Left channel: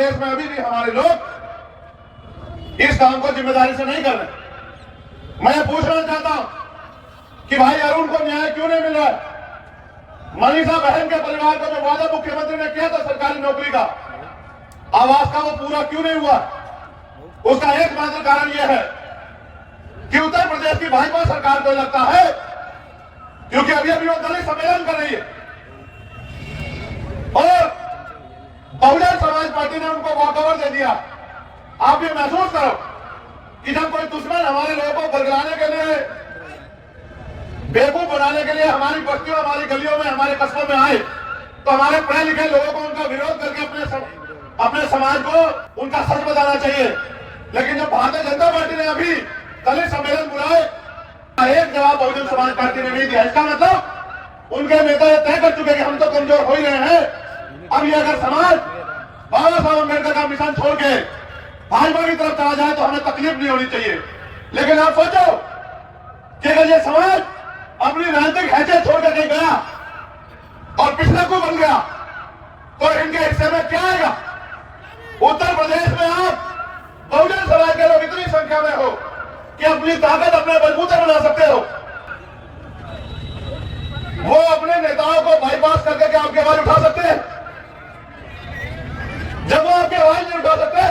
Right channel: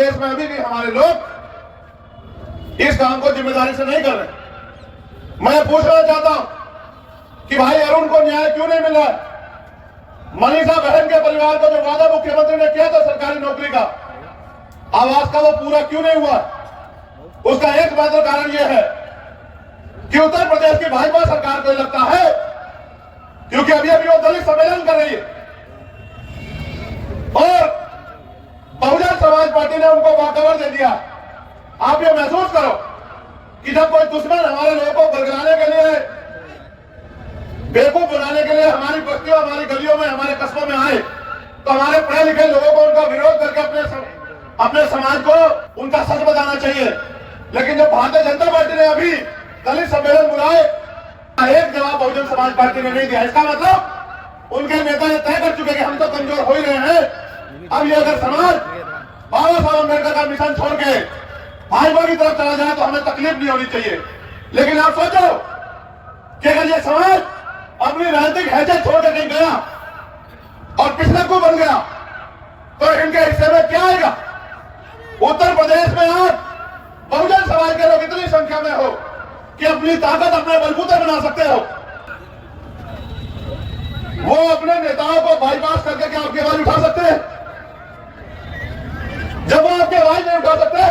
प्रदेश में अभी भी हमारे लोग इस काम को जिम्मेदारी से नहीं कर रहे। मैं पूछना चाहता हूं कि भाई अरुण को न्याय क्यों नहीं मिल रहा है? मनीषा बहन के परिवार को जो वादा मुख्यमंत्री ने किया था सरकारी नौकरी का, आवास का, वो पूरा क्यों नहीं हुआ? उसका एकमात्र कारण यह है कि उत्तर प्रदेश की भाजपा सरकार को लगता है, क्योंकि अभी अभी वो दलित सम्मेलन कर रही है और बहुजन समाज पार्टी ने उनको वॉकओवर दे दिया। आप ये महसूस करो कि जब कोई दुश्मन हमारे लोगों को बरगलाने के लिए, बेवकूफ बनाने के लिए हमारी बस्तियों, हमारी गलियों में, हमारे कस्बों में आए, तो हमारे पढ़े लिखे लोगों को उनका विरोध करके अपने समाज को उनका सच बताना चाहिए। लेकिन जब भारतीय जनता पार्टी ने अभी दलित सम्मेलन बुलाए, एक जवाब बहुजन समाज पार्टी ने नहीं दिया। इसका मतलब उनके नेता ये तय कर चुके कि हम तो कमजोर हो ही रहे हैं। अब ये अगर समाज बाबा साहब अम्बेडकर का मिशन छोड़ के भाजपा की तरफ चला जाए तो हमें तकलीफ नहीं होनी चाहिए। लेकिन आप सोचो कि अगर ये समाज अपनी राजनीतिक हैसियत छोड़ के कहीं गया और पिछले को बन गया तो इनके हिस्से में क्या आएगा? उत्तर प्रदेश में आज बहुजन समाज के लोग इतनी संख्या में हो कि अपनी ताकत अपने बलबूते बना सकते हो। वो अपने नेताओं को बाईपास करके क्या आपकी आवाज उठा सकते हैं? जब वो आपकी आवाज नहीं उठा सकते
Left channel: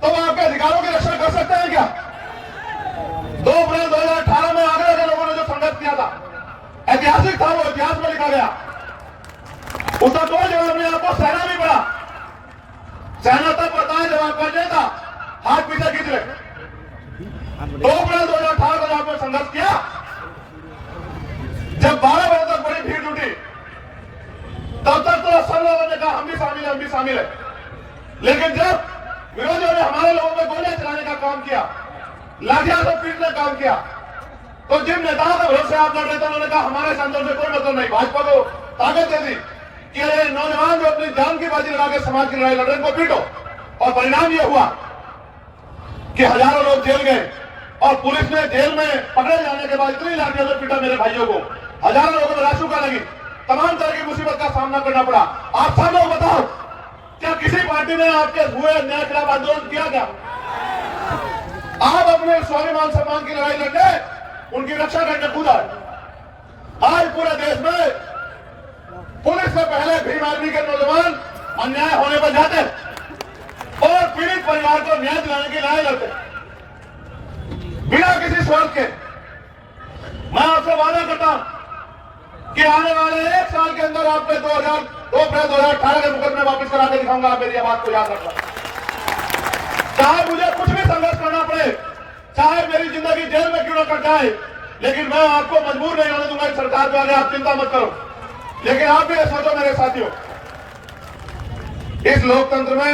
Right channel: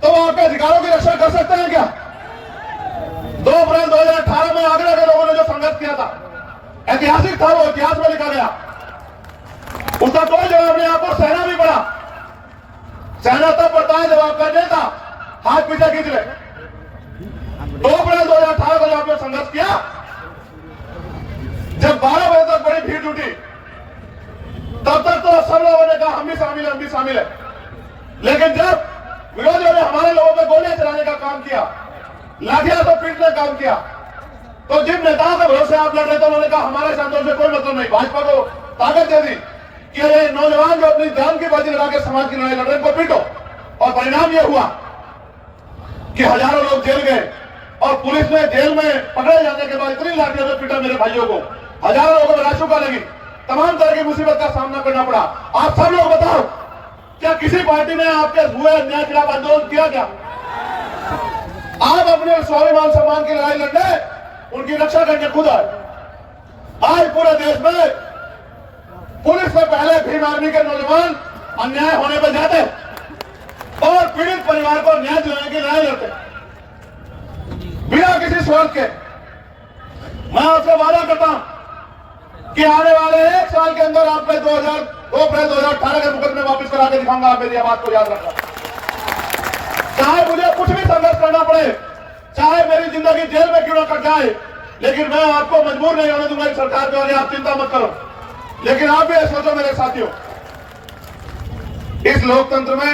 तो वो आपके अधिकारों की रक्षा कर सकते हैं क्या? 2 अप्रैल 2018 में आगरा के लोगों ने जो संघर्ष किया था, ऐतिहासिक था, वो इतिहास में लिखा गया। उसका कोई जवाब नहीं। आपको सहना भी पड़ा। सहना तब पड़ता है जब आपका नेता हाथ पीछे खींच ले। 2 अप्रैल 2018 को जो आपने संघर्ष किया, जब 12 बजे तक बड़ी भीड़ जुटी, तब तक तो सब लोगों ने कहा हम भी शामिल है, हम भी शामिल है। लेकिन जब विरोधियों ने हमारे लोगों पर गोलियां चलाने का काम किया, लाठियां से पीटने का काम किया, तो जिन नेताओं के भरोसे आप लड़ रहे थे उन्होंने कहा हमारे संतोष से कोई मतलब नहीं। भाजपा को ताकत दे दी कि ये नौजवान जो अपनी जान की बाजी लगा के समाज की लड़ाई लड़ रहे हैं, उनको पीटो। और परिणाम यह हुआ कि हजारों लोग जेल गए और पुलिस ने जेल में पकड़े जाने के बाद इतनी लाठियों से पीटा मेरे भाइयों को, हजारों लोगों को राशुका लगी, तमाम तरह की मुसीबत का सामना करना पड़ा। आप सब लोग बताओ, क्या किसी पार्टी ने आपके हुए अन्याय के खिलाफ आंदोलन किया क्या? आप अपने स्वाभिमान सम्मान की लड़ाई लड़ने, उनकी रक्षा करने खुद आए। आज पूरे देश में पुलिस से पहले भीम आर्मी के नौजवान अन्याय होने पर जाते और पीड़ित परिवार को न्याय दिलाने की लड़ाई लड़ते बिना किसी स्वार्थ के। मैं आपसे वादा करता हूं कि आने वाले 1 साल के अंदर आपने 2 अप्रैल 2018 के मुकदमे वापस करा के दिखाऊंगा। आप मेरी आवाज को याद रखना। चाहे मुझे कुछ भी संघर्ष करना पड़े, चाहे मेरी जिंदगी जेल में क्यों न कट जाए, लेकिन मैं आपको मजबूर नहीं होने दूंगा इस सरकार के आगे। आप चिंता मत करो। लेकिन आप भी सोचो मेरे साथियों, इस लोकतंत्र में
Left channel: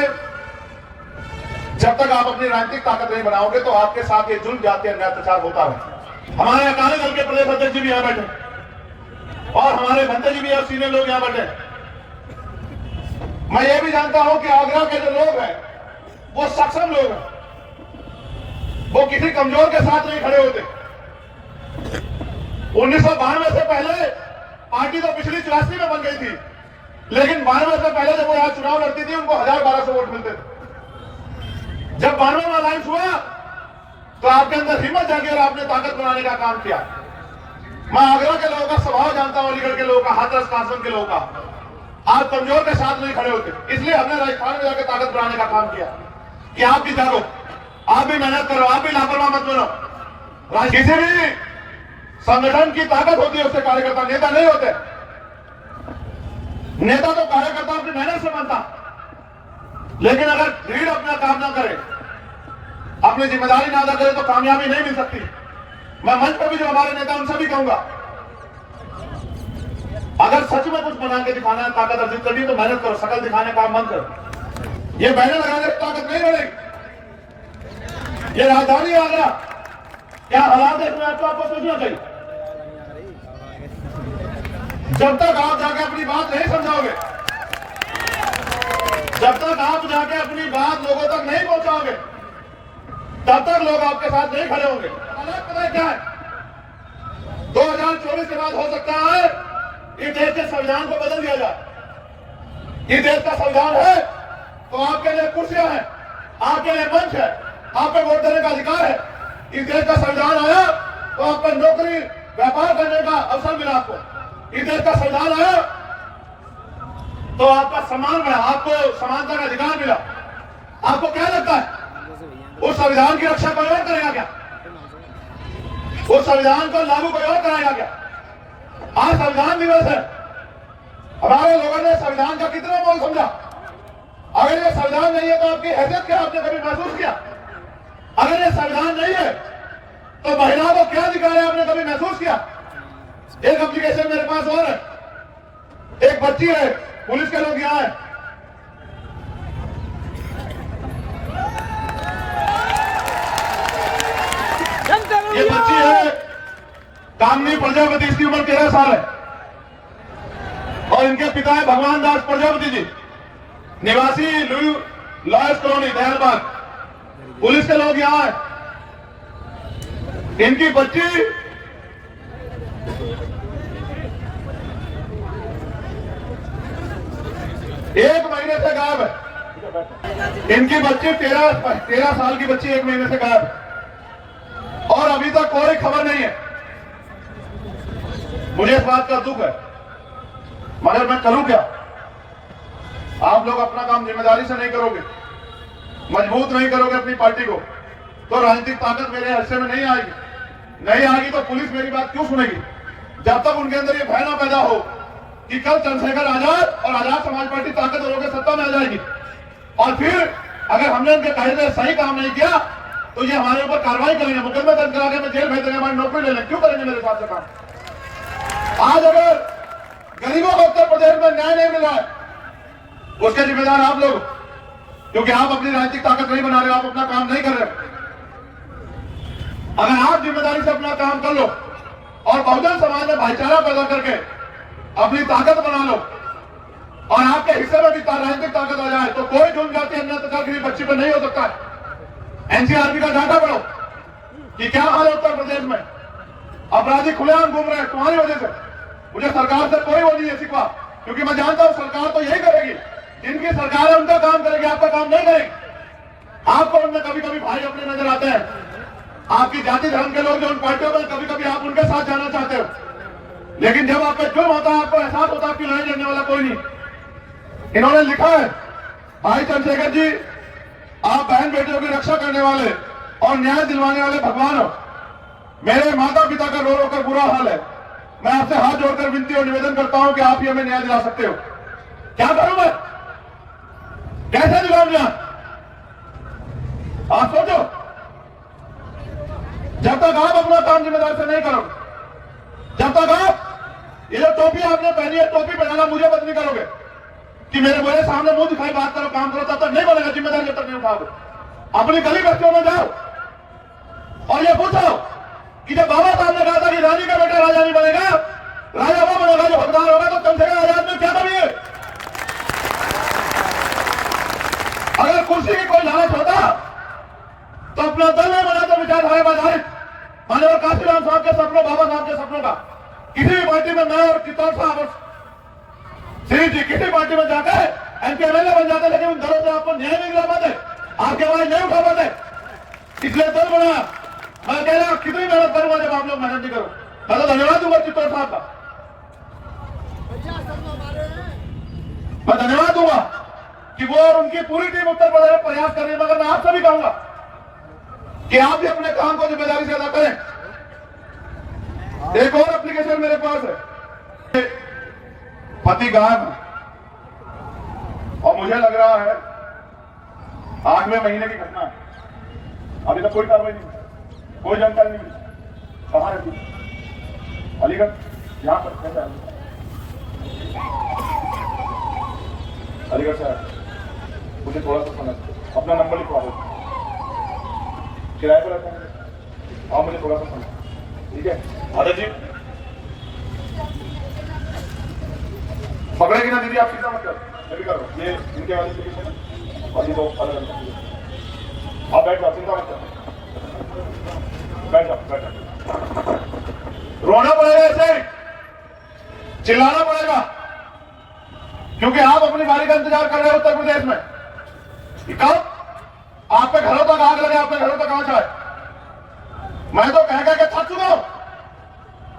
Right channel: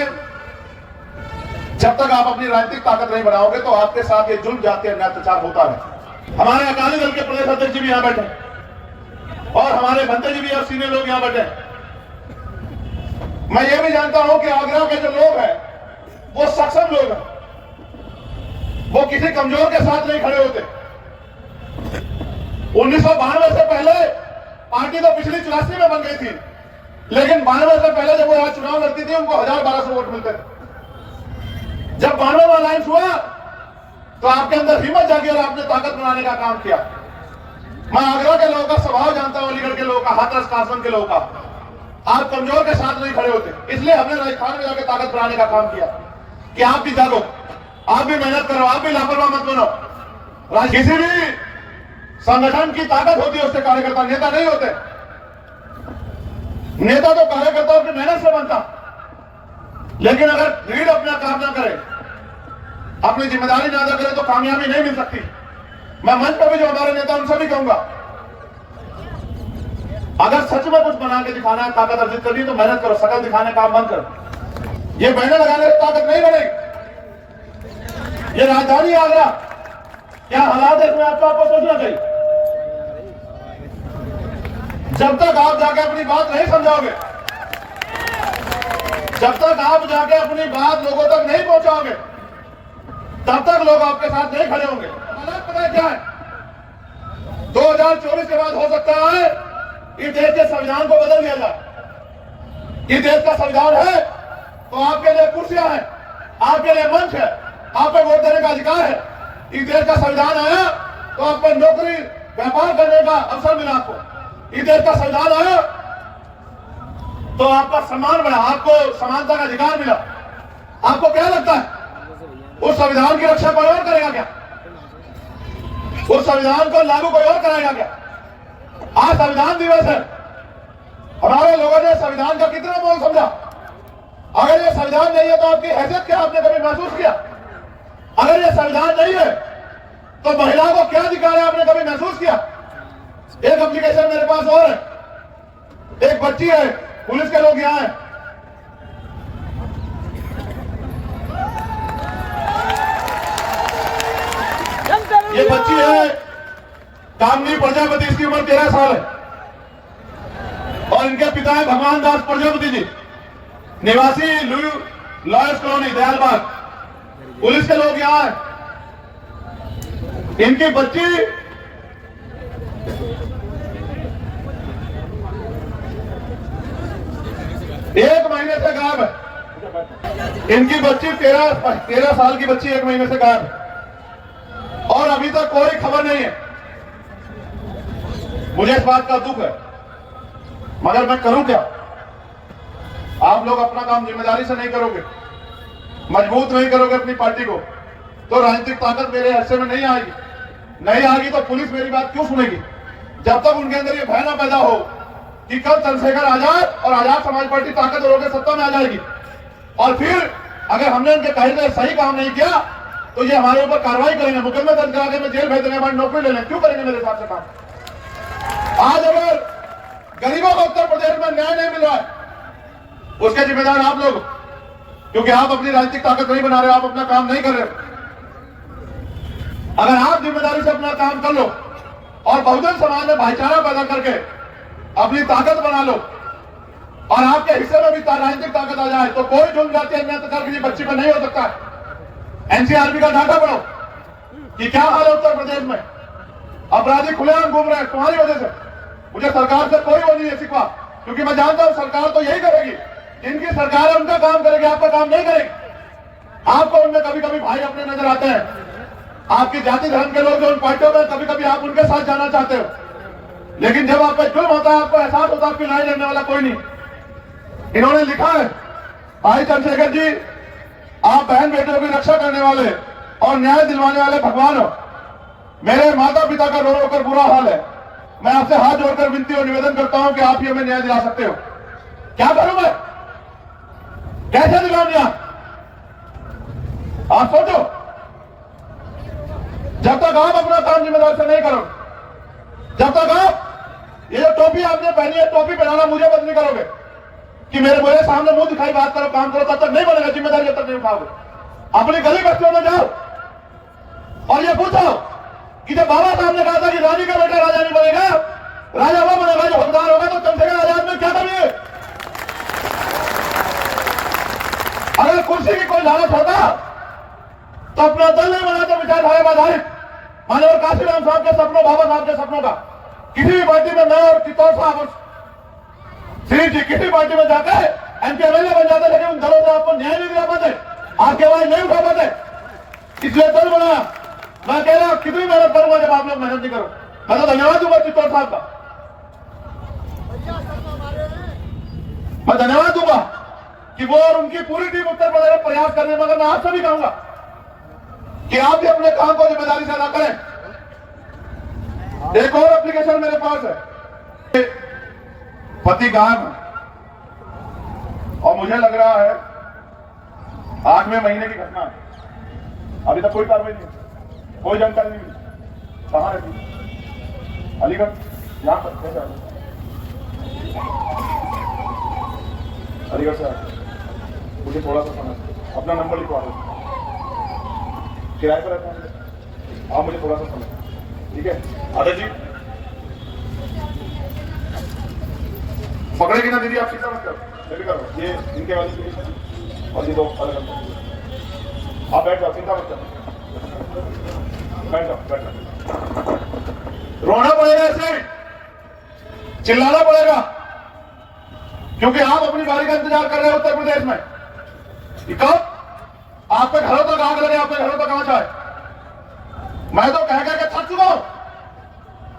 जब तक आप अपनी राजनीतिक ताकत नहीं बनाओगे तो आपके साथ ये जुल्म जाति अन्याय अत्याचार होता है। हमारे अकाली दल के प्रदेश अध्यक्ष जी भी यहां बैठे और हमारे भंते जी भी और सीनियर लोग यहां बैठे। मैं ये भी जानता हूं कि आगरा के जो लोग हैं वो सक्षम लोग हैं, वो किसी कमजोर के साथ नहीं खड़े होते। 1992 से पहले पार्टी तो पिछली 84 में बन गई थी, लेकिन 92 से पहले जब वो यहाँ चुनाव लड़ती थी उनको 1000-1200 वोट मिलते थे। जब 92 में अलायंस हुआ तो आपके अंदर हिम्मत जागी और आपने ताकत बनाने का काम किया। मैं आगरा के लोगों का स्वभाव जानता हूं, अलीगढ़ के लोगों का, हाथरस कासगंज के लोगों का। आप कमजोर के साथ नहीं खड़े होते, इसलिए हमने राजस्थान में जाकर ताकत बनाने का काम किया कि आप भी जागो, आप भी मेहनत करो, आप भी लापरवाह मत बनो। किसी भी संगठन की ताकत होती है उससे कार्यकर्ता, नेता नहीं होते। नेता तो कार्यकर्ता अपनी मेहनत से बनता, लेकिन अगर भीड़ अपना काम ना करे, अपनी जिम्मेदारी ना अदा करे तो कामयाबी नहीं मिल सकती। मैं मंच पर भी जो हमारे नेता उनसे भी कहूंगा, अगर सच में कुछ बना के दिखाना है, ताकत अर्जित करनी तो मेहनत करो, शकल दिखाने का काम मत करो। ये बैनर लगाने से ताकत नहीं बढ़ेगी। ये राजधानी आगरा क्या हालात है इसमें आपको सोचना चाहिए। जब तक आप जाके अपनी बात नहीं समझाओगे, जब तक आप जाके अपनी बात लोगों तक नहीं पहुंचाओगे, तब तक लोग आपके साथ नहीं खड़े होंगे। हालात पता क्या है, 2024 के बाद हो सकता है इस देश के संविधान को बदल दिया जाए। ये देश का संविधान है तो आप कुर्सियां हैं, आपके लिए मंच है, आप पे वोट देने का अधिकार है। इस देश का संविधान आया तो आप पे नौकरी व्यापार करने का अवसर मिला आपको। इस देश का संविधान आया तो आपका सम्मान बढ़ा, आपको समानता का अधिकार मिला। आपको क्या लगता है उस संविधान की रक्षा कोई और करेगा क्या? उस संविधान को लागू कोई और करेगा क्या? आज संविधान दिवस है, हमारे लोगों ने संविधान का कितना मोल समझा। अगर ये संविधान नहीं है तो आपकी हैसियत क्या आपने कभी महसूस किया? अगर ये संविधान नहीं है तो महिला को क्या अधिकार है आपने कभी महसूस किया? एक एप्लीकेशन मेरे पास और है, एक बच्ची है, पुलिस के लोग यहां हैं, ये बच्ची है कामनी प्रजापति, इसकी उम्र 13 साल है और इनके पिता है भगवान दास प्रजापति जी, निवासी लॉयर्स कॉलोनी दयालबाग। पुलिस के लोग यहां हैं, इनकी बच्ची 1 महीने से गायब है। इनकी बच्ची 13 साल की बच्ची 1 महीने से गायब है और अभी तक कोई खबर नहीं है। मुझे इस बात का दुख है, मगर मैं करूं क्या? आप लोग अपना काम जिम्मेदारी से नहीं करोगे, मजबूत नहीं करोगे अपनी पार्टी को, तो राजनीतिक ताकत मेरे हिस्से में नहीं आएगी। नहीं आएगी तो पुलिस मेरी बात क्यों सुनेगी? जब तक उनके अंदर ये भय ना पैदा हो कि कल चंद्रशेखर आजाद और आजाद समाज पार्टी ताकत और सत्ता में आ जाएगी और फिर अगर हमने उनके कहे में सही काम नहीं किया तो ये हमारे ऊपर कार्रवाई करेंगे, मुकदमे दर्ज करा के जेल भेज देंगे, हमारी नौकरी ले लेंगे। क्यों करेंगे मेरे हिसाब से काम? आज अगर गरीबों को उत्तर प्रदेश में न्याय नहीं मिल रहा है उसके जिम्मेदार आप लोग, क्योंकि आप अपनी राजनीतिक ताकत नहीं बना रहे, आप अपना काम नहीं कर रहे। अगर आप जिम्मेदारी से अपना काम कर लो और बहुजन समाज में भाईचारा पैदा करके अपनी ताकत बना लो और आपके हिस्से में भी राजनीतिक ताकत आ जाए तो कोई जुर्म जाति अन्य प्रकार की बच्ची पर नहीं हो सकता है। एनसीआरबी का डाटा पढ़ो कि क्या हाल है उत्तर प्रदेश में, अपराधी खुलेआम घूम रहे हैं तुम्हारी वजह से। मुझे सरकार से कोई वो नहीं है शिकवा, क्योंकि मैं जानता हूं सरकार तो यही करेगी, जिनकी सरकार है उनका काम करेगी, आपका काम नहीं करेगी। आपको उनमें कभी कभी भाई अपने नजर आते हैं, आपकी जाति धर्म के लोग जो उन पार्टियों में कभी कभी आप उनके साथ जाना चाहते हो, लेकिन जब आप पे जुर्म होता है आपको एहसास होता है आपकी लड़ाई लड़ने वाला कोई नहीं। इन्होंने लिखा है, भाई चंद्रशेखर जी आप बहन बेटियों की रक्षा करने वाले और न्याय दिलवाने वाले भगवान हो। मेरे माता पिता का रो रो कर बुरा हाल है, मैं आपसे हाथ जोड़कर विनती और निवेदन करता हूं कि आप ही हमें न्याय दिला सकते हो। क्या करूं मैं, कैसे दिलाऊं न्याय? आप सोचो, जब तक आप अपना काम जिम्मेदार से नहीं करो, जब तक आप ये जो टोपी आपने पहनी है, टोपी पहनाना मुझे बंद नहीं करोगे कि मेरे सामने मुंह दिखाई बात करो, काम करो, तब तक नहीं बनेगा। जिम्मेदारी जब तक नहीं उठाओगे, अपनी गली बस्तियों में जाओ और ये पूछो कि जब बाबा साहब ने कहा था कि रानी का बेटा राजा नहीं बनेगा, राजा वो बनेगा जो हकदार होगा, तो चंद्रशेखर आजाद में क्या कमी है? अगर कुर्सी की कोई लालच होता तो अपना दल नहीं बनाते विचारधारा पर आधारित माननीय काशीराम साहब के सपनों, बाबा साहब के सपनों का। किसी भी पार्टी में मैं और कितौर साहब श्री जी किसी पार्टी में जाते हैं, एमपी एमएलए बन जाते, लेकिन उन दलों से आपको न्याय नहीं दिला पाते, आपकी आवाज नहीं उठा पाते, इसलिए दल बनाया। मैं कह रहा कितनी मेहनत करूंगा जब आप लोग मेहनत नहीं करो। मैं तो धन्यवाद दूंगा चित्तौड़ साहब का, मैं धन्यवाद दूंगा कि वो और उनकी पूरी टीम उत्तर प्रदेश में प्रयास कर रही है। मगर मैं आपसे भी कहूंगा कि आप भी अपने काम को जिम्मेदारी से अदा करें। एक और एप्लीकेशन मेरे पास है, पति गायब है और मुझे लग रहा है 8वें महीने की घटना है, अभी तक कोई कार्रवाई नहीं, कोई जानकारी नहीं मिली। कहां रहती? अलीगढ़, यहां पर कैसे आए? अलीगढ़ से आए। मुझे थोड़ा सा समझ, अपना नंबर लिखवा दो, किराए पर रहता है आप, मुझे थोड़ा सा समझ, ठीक है? आदर्श जी पकड़ेगी ना दीदी, आप चिंता मत करो, मैं भी कर रहा हूँ। ये इनके वाली एप्लीकेशन और ये 2 अलग अलग। आप बैठ जाओ, चिंता मत करो, बैठ जाओ, बैठ जाओ। रोना पड़ेगा, ऐसे चिल्लाना पड़ेगा, क्योंकि आप अपनी बारी का इंतजार कर रहे हो उत्तर प्रदेश में। कि कब आपके घरों तक आग लगे, आपके घरों तक आंच आए। मैं तो कह के थक चुका हूं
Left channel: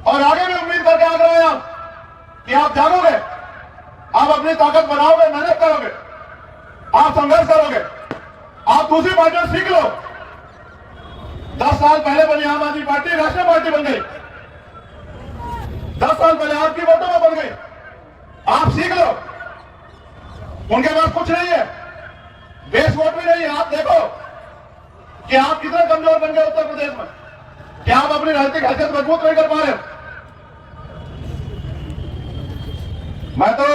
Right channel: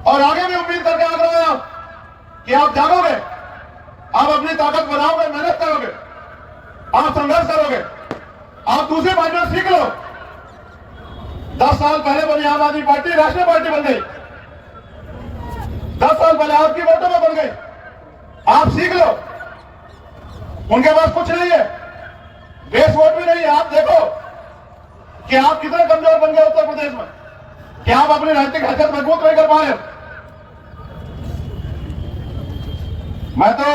और आगे भी उम्मीद करके आग रहे हैं आप कि आप जागोगे, आप अपनी ताकत बनाओगे, मेहनत करोगे, आप संघर्ष करोगे, आप दूसरी पार्टियों सीख लो। 10 साल पहले बनी आम आदमी पार्टी राष्ट्रीय पार्टी बन गई, 10 साल पहले आपकी वोटों में बन गई। आप सीख लो, उनके पास कुछ नहीं है, बेस वोट भी नहीं है। आप देखो कि आप कितने कमजोर बन गए उत्तर प्रदेश में, कि आप अपनी राजनीतिक हैसियत मजबूत नहीं कर पा रहे। मैं तो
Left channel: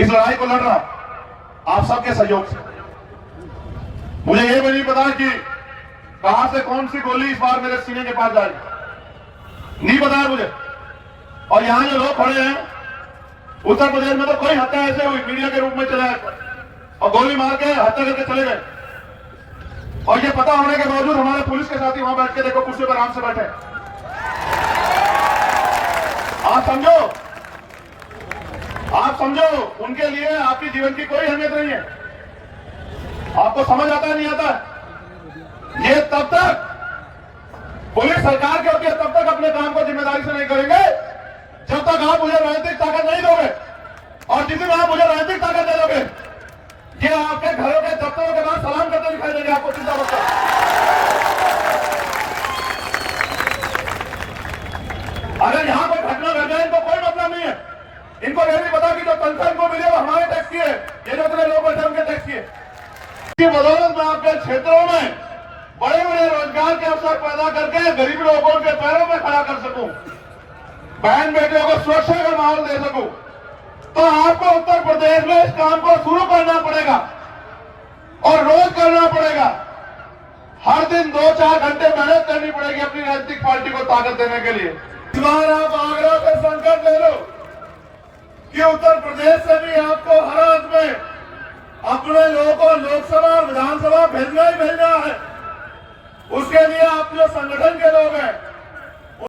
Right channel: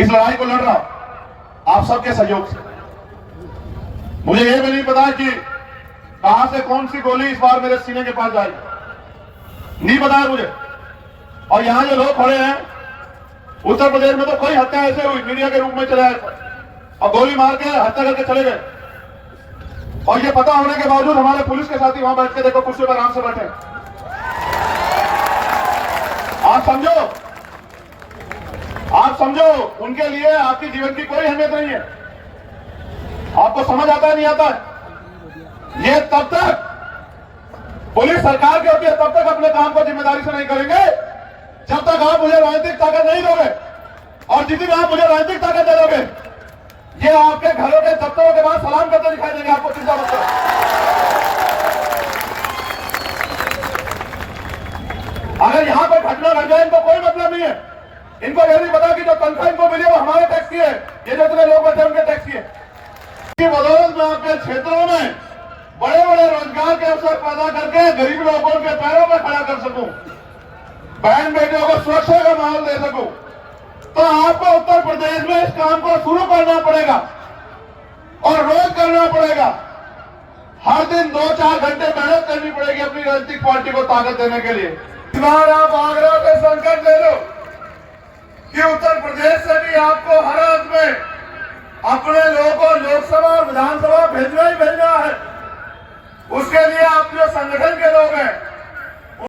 इस लड़ाई को लड़ रहा आप सबके सहयोग से। मुझे ये भी नहीं पता कि कहां से कौन सी गोली इस बार मेरे सीने के पास जाएगी, नहीं पता है मुझे। और यहां जो लोग खड़े हैं उत्तर प्रदेश में, तो कोई हत्या ऐसे हुई मीडिया के रूप में चले आए और गोली मार के हत्या करके चले गए। और ये पता होने के बावजूद हमारे पुलिस के साथी वहां बैठ के देखो कुर्सी पर आराम से बैठे। आप समझो उनके लिए आपके जीवन की कोई अहमियत नहीं है। आपको समझ आता है नहीं आता है? ये तब तक पुलिस सरकार के होती है, तब तक अपने काम को जिम्मेदारी से नहीं करेंगे जब तक आप मुझे राजनीतिक ताकत नहीं दोगे। और जिस दिन आप मुझे राजनीतिक ताकत दे दोगे, ये आपके घरों के दफ्तरों के बाद सलाम करते दिखाई देंगे। आपको चिंता मत करो। अगर यहां पर घटना घट जाए इनको कोई मतलब नहीं है। इनको ये नहीं पता कि जो तनख्वाह इनको मिली वो हमारे टैक्स की है, ये जो इतने लोग बैठे उनके टैक्स की है। बदौलत में आपके क्षेत्रों में बड़े बड़े रोजगार के अवसर पैदा करके गरीब लोगों के पैरों पर खड़ा कर सकूं, बहन बेटियों को सुरक्षा का माहौल दे सकूं, तो आपको उत्तर प्रदेश में इस काम को शुरू करना पड़ेगा और रोज करना पड़ेगा। हर दिन 2-4 घंटे मेहनत करनी पड़ेगी अपनी राजनीतिक पार्टी को ताकत देने के लिए। इस बार आप आगरा पे संकल्प ले लो कि उत्तर प्रदेश से भी आपको हर हाथ में अपने लोगों को लोकसभा और विधानसभा भेजना ही भेजना है। उसके लिए आप जो संगठन के लोग हैं